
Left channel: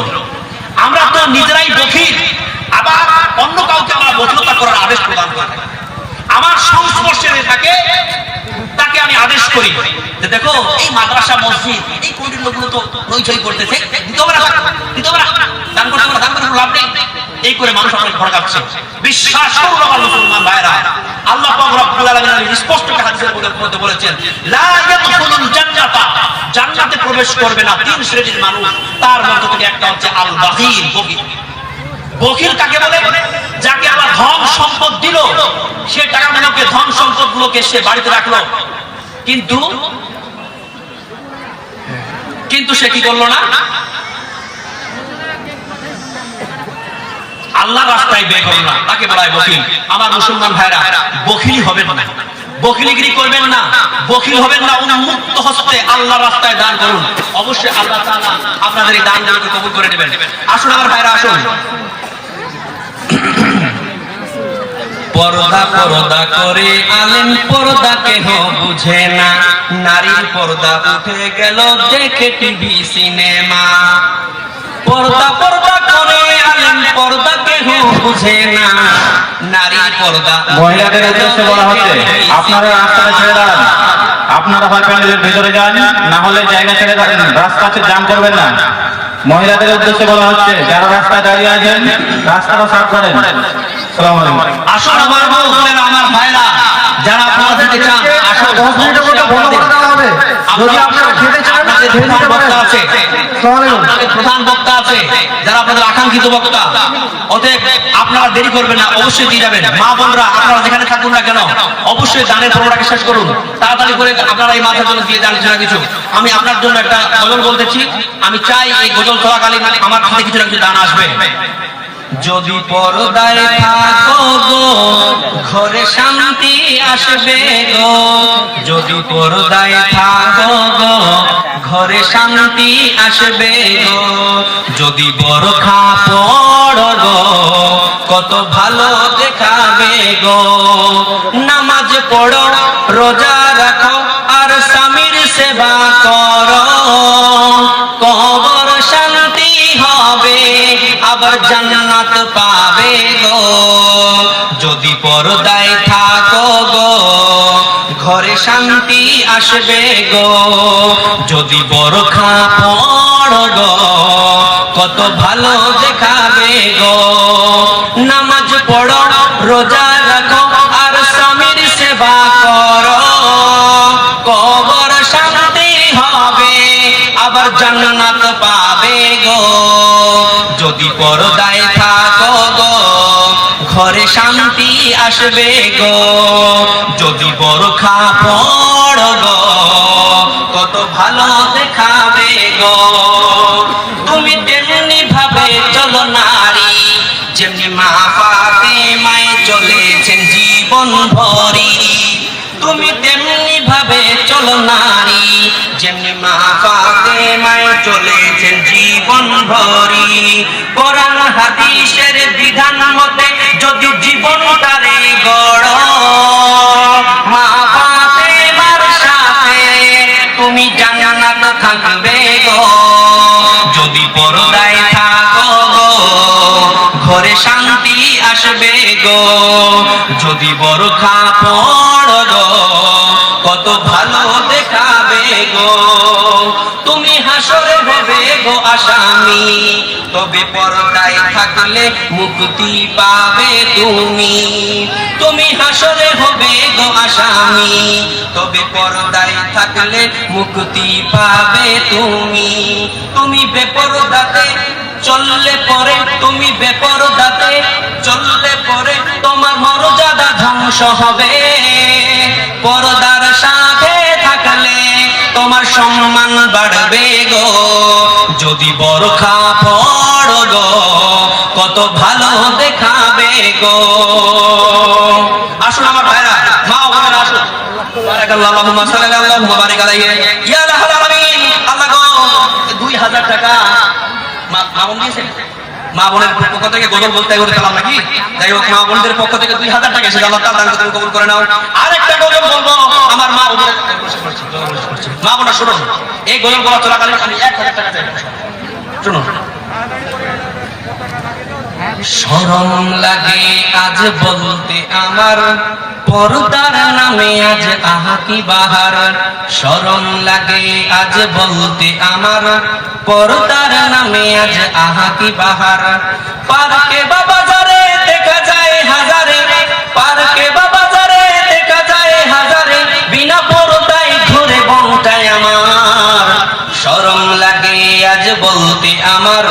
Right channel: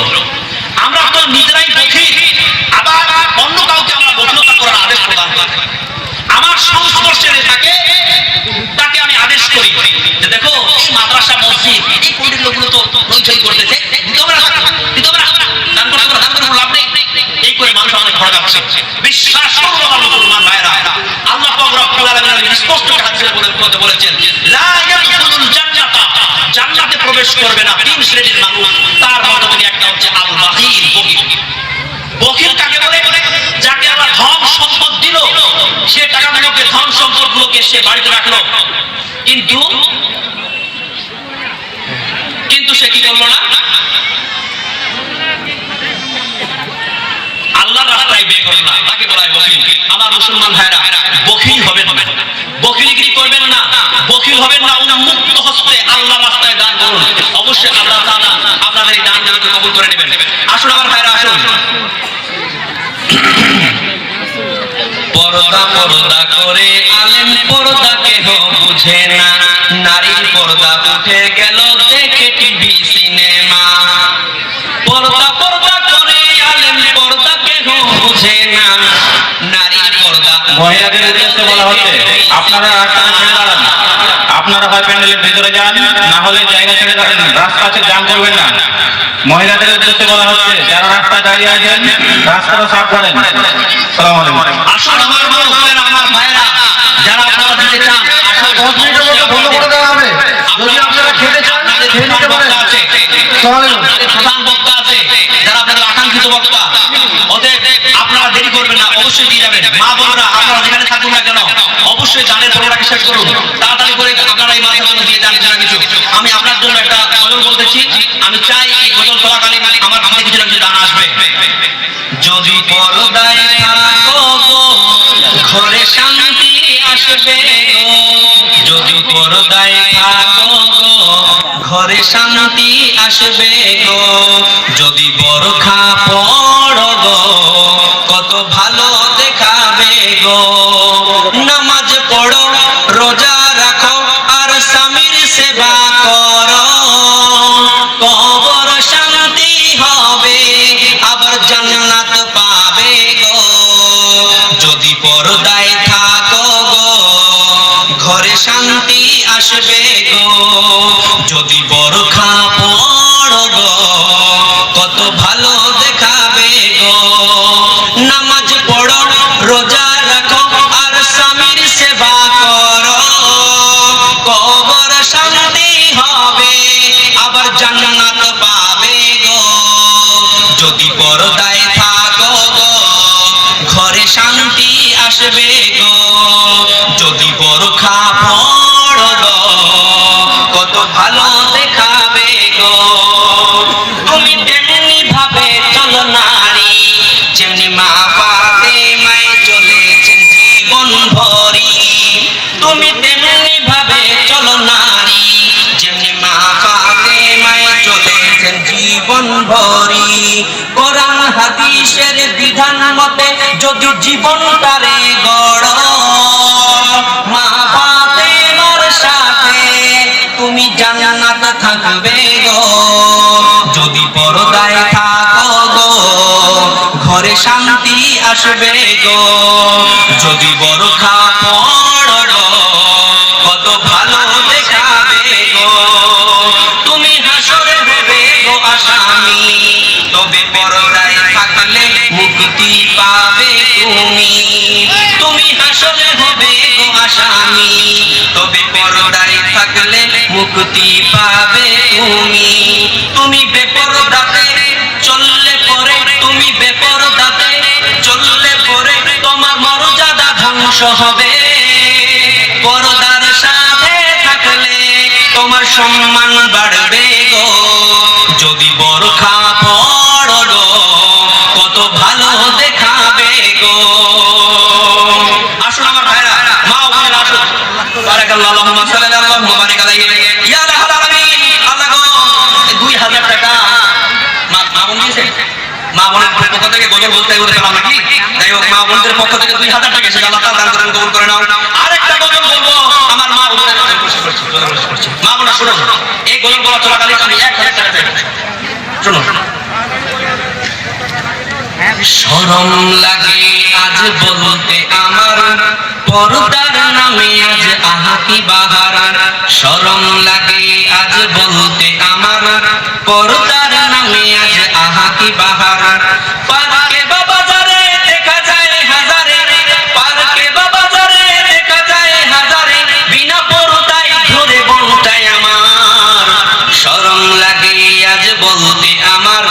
আমরা তো নিজেরাই বকিল, আবার অন্য কাউকে আমরা বকিলতা করার আদেশ প্রদান করি। আমার সংস্পর্শে যে থাকে তাকে আমি আদেশ করি যে দেখো এই মাদ্রাসা মসজিদ এই কমিটির লোকগুলো তো হইচই করতেছে, দান করতে পারে, দান করতে লাভ নেই, এই করে মানুষ আমাদের ভড়কাচ্ছে। বিশ্বাস করুন আমার মুসলমান ভাইরা, আল্লাহ পাক রব্বুল আলামিন স্পষ্ট হাদিসের মধ্যে বলেছেন লা ইয়াদখুলুল জান্নাতা, জান্নাতে প্রবেশ করবে না 3 শ্রেণীর মানুষ, তার মধ্যে থেকে একটা হচ্ছে আল বাখিল, বকিল। বকিল কাকে বলে? যাকে আমার ধন সম্পদ দিল, সে টাকাগুলোকে ধন সম্পদগুলোকে সে বাড়িতে রাখলো, কিন্তু সে কি করলো না, আল্লাহর রাস্তায় ব্যয় করলো না, তাকে বলা হয় বকিল। আমার মুসলমান ভাইরা, বকিল হবেন না, বকিলিগিরি করবেন না, বকিল হবেন না, উন্মুক্ত হস্তে আল্লাহর রাস্তায় দান করুন। অবশ্যই আল্লাহ তাআলা আপনাদের এই দানগুলোকে কবুল করে নেবেন। আসুন আমার ভাইরা, আসুন। পর্দা পর্দা করে আলেম পর্দা কেহ বুঝে না, নারীর পর্দা উঠে গেল দেখে টিভি সিনেমা। পর্দা পর্দা করে আলেম পর্দা কেহ বুঝে না, নারীর পর্দা। মহিলাদের উদ্দেশ্যে বলা হচ্ছে আপনারা রাস্তাটা ছেড়ে দাঁড়ান, আপনারা হয় প্যান্ডেলের ভিতরে যান, না হলে জায়গা ছেড়ে দাঁড়ান, রাস্তা জাম করবেন না। মহিলাদের উদ্দেশ্যে বলা হচ্ছে যারা রাস্তায় দাঁড়িয়ে আছেন রাস্তাটা সাফ করেন। আসসালামু আলাইকুম। আসুন আমার বোনেরা, আমার ভাইরা, যারা আপনারা দিতে চান আসুন। 10 মিনিটের মধ্যে বন্ধ করে দেওয়া হবে। যদি আপনারা খেতে চান আপনাদের খেয়ে প্রধান নিতে পারেন। বক্তা আছে, আপনাদের প্রধান বক্তা আছে, যারা আপনাদের আকাঙ্ক্ষিত বক্তা, অতএব আপনারা দেরি করবেন না, অবশ্যই দিয়ে যাবেন। মা বোনরা আপনারা যেখানে থাকুন না কেন অবশ্যই দানের পর্বটাকে শেষ করুন, তাড়াতাড়ি করে আপনারা এই মাথার জন্য দিয়ে জানিস না কিছু। আমি আপনার জন্য একটা গজল বলতেছি, আমি চাই এই গজল চলাকালীন আমার হাতে কিছু না কিছু দান আসবে। যদি পর্দায় থাকো গো ঘরে শান্তি আসবে গো, যদি পর্দায় থাকো গো ঘরে শান্তি আসবে গো, যদি বোরখা পড়ো গো কত ভালো দেখাবে গো, নামাজ পড়ো রোজা রাখো আর স্বামীর সেবা করো, কবর শান্তি হবে আবার জান্নাত পাবে গো, যদি পর্দায় থাকো গো ঘরে শান্তি আসবে গো, যদি বোরখা পড়ো গো কত ভালো দেখাবে গো, নামাজ পড়ো রোজা রাখো আর স্বামীর সেবা করো, কবর শান্তি হবে আবার জান্নাত পাবে গো, যদি পর্দায় থাকো গো ঘরে শান্তি আসবে গো, যদি বোরখা পড়ো গো কত ভালো দেখাবে গো, তুমি তেমনি ভাবে চলো নারী যেমনি মা ফাতেমায় চলেছেন জীবন ভরি, তুমি তেমনি ভাবে চলো নারী যেমনি মা ফাতেমায় চলেছেন জীবন ভরি, কোরআন হাদিসের বিধান মতে যদি জীবন তারে গড়, মা ফাতেমার সাথে তুমি জান্নাত থাকবে গো, যদি পর্দায় থাকো গো ঘরে শান্তি আসবে গো, যদি বোরখা পড়ো গো কত ভালো দেখাবে গো, তুমি হাসরে হবে গো আসামি, তবে পর্দায় থাকলে মুক্তি পাবে তুমি, তুমি হাসরে হবে গো আসামি, তবে পর্দায় থাকলে মুক্তি পাবে তুমি, তুমি বেপরদাতে চললে পরে, তুমি বেপরদাতে চললে পরে ধ্বংস হবে, পর্দার সাথে থাকলে তোমার সম্মান বাড়বে গো, যদি বোরখা পরো গো কত ভালো দেখাবে গো। আসুন আমার ভাইরা, মা ওখানে আসুন। বারাকাল্লাহু আল্লাহুম্মা সাল্লি আল্লাহুম্মা বারিক আলাইহি ইয়া রাব্বাল আলামিন। আল্লাহ গো 2000 টাকা মা বোন দিয়েছেন। মা বোনের পক্ষ থেকে গজল বলতে এগুলো পেলাম নাকি? যাই হোক, মা বোনদের পক্ষ থেকে 2000 টাকা এসেছে। আল্লাহ তাআলা দান কবুল করে নাও। আরেকটা গজল বলবো আমার মা বোনের, মা বোনা শুনুন, এই গজল বলা চলাকালীন আমি 1000 টাকা চাই। শুনুন। শরম লাগে আজ বলতে আমার, পর্দার নামে আজ আহা কি বাহার। শরম লাগে আজ বলতে আমার, পর্দার নামে আজ আহা কি বাহার। পার্কে বা বাজারে দেখা যায় হাজারে, পার্কে বা বাজারে দেখা যায় হাজারে, বিনা পর্দায় ঘুরে বংটায় আমার। শরম লাগে আজ বলতে আমার,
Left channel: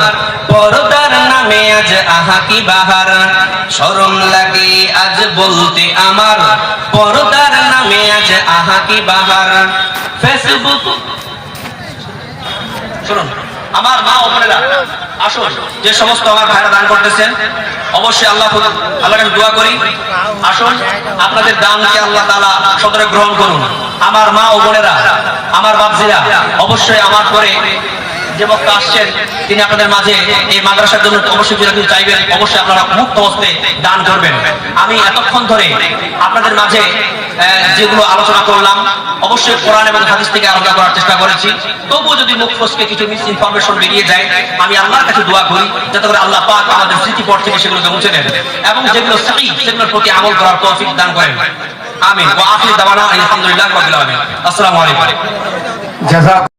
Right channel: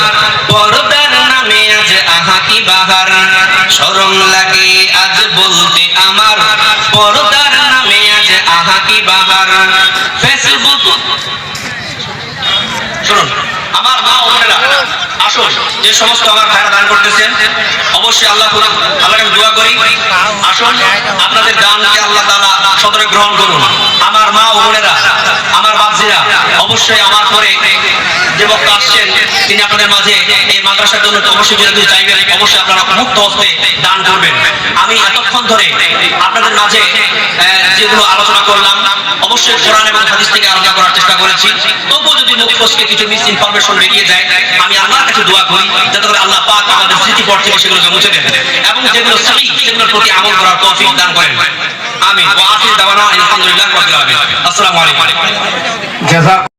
পর্দার নামে আজ আহা কি বাহার। শরম লাগে আজ বলতে আমার, পর্দার নামে আজ আহা কি বাহার। ফেসবুক শুনুন আমার মা ও বোনেরা, আসুন যে সমস্ত আমার ভাইরা দান করতেছেন অবশ্যই আল্লাহর কাছে দোয়া করি। আসুন আপনাদের দানকে আল্লাহ তাআলা সদরে গ্রহণ করুন। আমার মা ও বোনেরা, আমার বাপজিরা, অবশ্যই আমার পরে যে বক্তা আসছেন তিনি আপনাদের মাঝে এই মাদ্রাসার জন্য অবশ্যই যদি চাইবেন অবশ্যই আপনারা মুক্ত হস্তে দান করবেন। আমি এতক্ষণ ধরে আপনাদের মাঝে যেগুলো আলোচনা করলাম অবশ্যই কোরআন এবং হাদিস থেকে আলোচনা করার চেষ্টা করেছি। তবুও যদি মুখ ফসকে কিছু মিস ইনফরমেশন বেরিয়ে যায়, আমি আল্লাহর কাছে দোয়া করি যাতে করে আল্লাহ পাক আমাদের স্মৃতিপট থেকে সেগুলোকে মুছে দেন এবং যেগুলো সহিহ সেগুলোর প্রতি আমল করার তৌফিক দান করেন। আমিন। ওয়া আখির দাওয়ানা আলহামদুলিল্লাহি রাব্বিল আলামিন। আসসালামু আলাইকুম।